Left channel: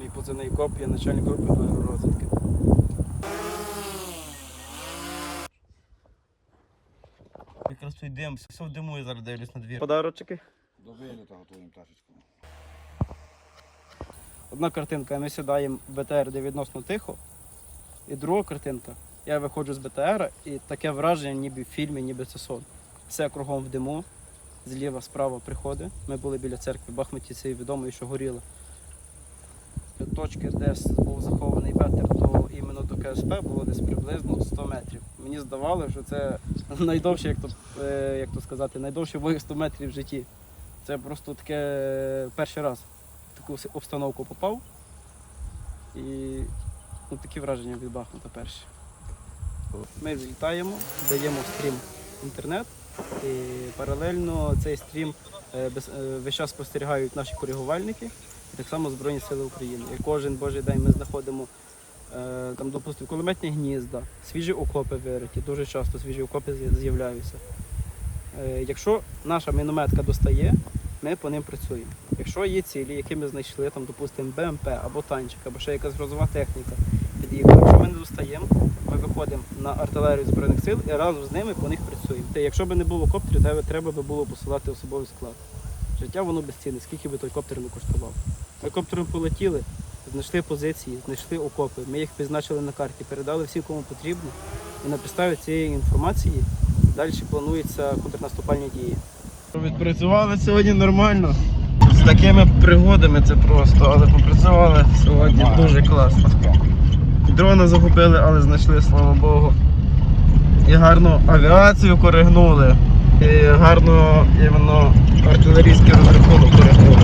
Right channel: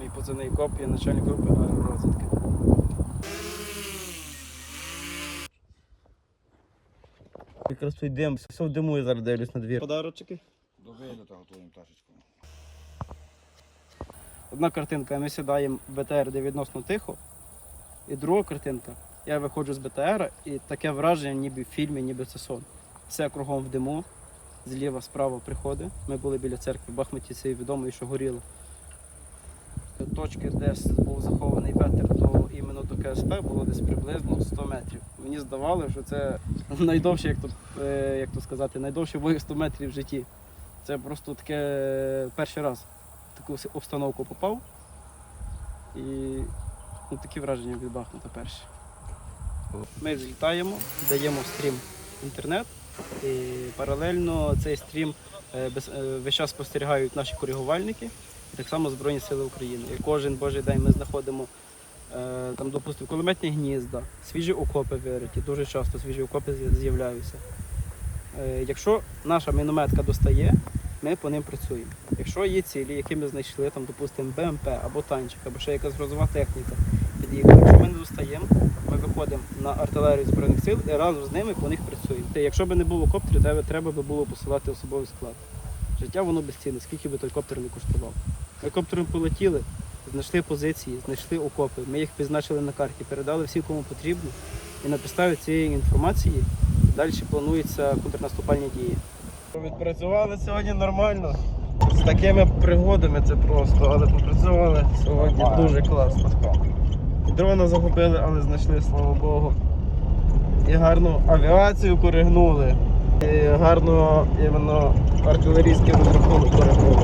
Мій позивний коп, я начальник групи аеророзвідки. Якраз той дим, все в диму я зараз дивлюсь на двір. Подарочки. До виліту готуємо пташечку. Одна картинка, ми сідаємо в БТР, де відносно тихо. І друга картинка, я виходжу з БТР, і таке враження, ніби в фільмі, ніби це сон. Все кругом в диму, зліва, справа приходи. Ми були біля церкви, Бахмуті це відомо, і що горіло. Точки, де був захований ветер до іменно до КСП, було десь приблизно 100 метрів. Мені здавалося, що це найдовше, як то, е, як то сказати, найдовший бой 100 метрів в житті. Це просто таке е, перший раз в таку обстановку попав. І ну, такі враження від Бахмута перші. Ми злітаємо, даємо стрім інтернет, і паралельно цей стрім е, весь час спостерігають наші коригувальники і так само Збройні Сили України. І кожен божий день ми знаходимо е, там, допустимо, кулеметні гнізда, свіжі окопи вириті, дуже часто свіжі окопи з'являються. Е, Якщо наша мінометка достає, ми по ним працюємо. Якщо є цілі, які ми знайшли, там, допустимо, БМП або танчик, або ще якась грозова техніка, під'їхала. Якщо ми не достаємо, ми виходимо на артилерію Збройних сил і разом з ними по них працюємо. Та Якщо б не було коптерів, треба, би було посилати особовий склад. Життя воно безцінне, скільки би той коптер не коштував. Ми коптером полетіли, знайшли позиції, знайшли окопи, ми їх позначили на карті, передали всім, кому потрібно. І на підставі цієї інформації далі плануються контрнаступальні дії. Відпрацювали сьогодні нормально. З такими пригодами це просто, але попрацювали сьогодні дуже класно. Дрона загубили, але знайшли, слава Богу. І гарну авіацію коригнули. І гарно іменно артилерійський розрахунок взагалі.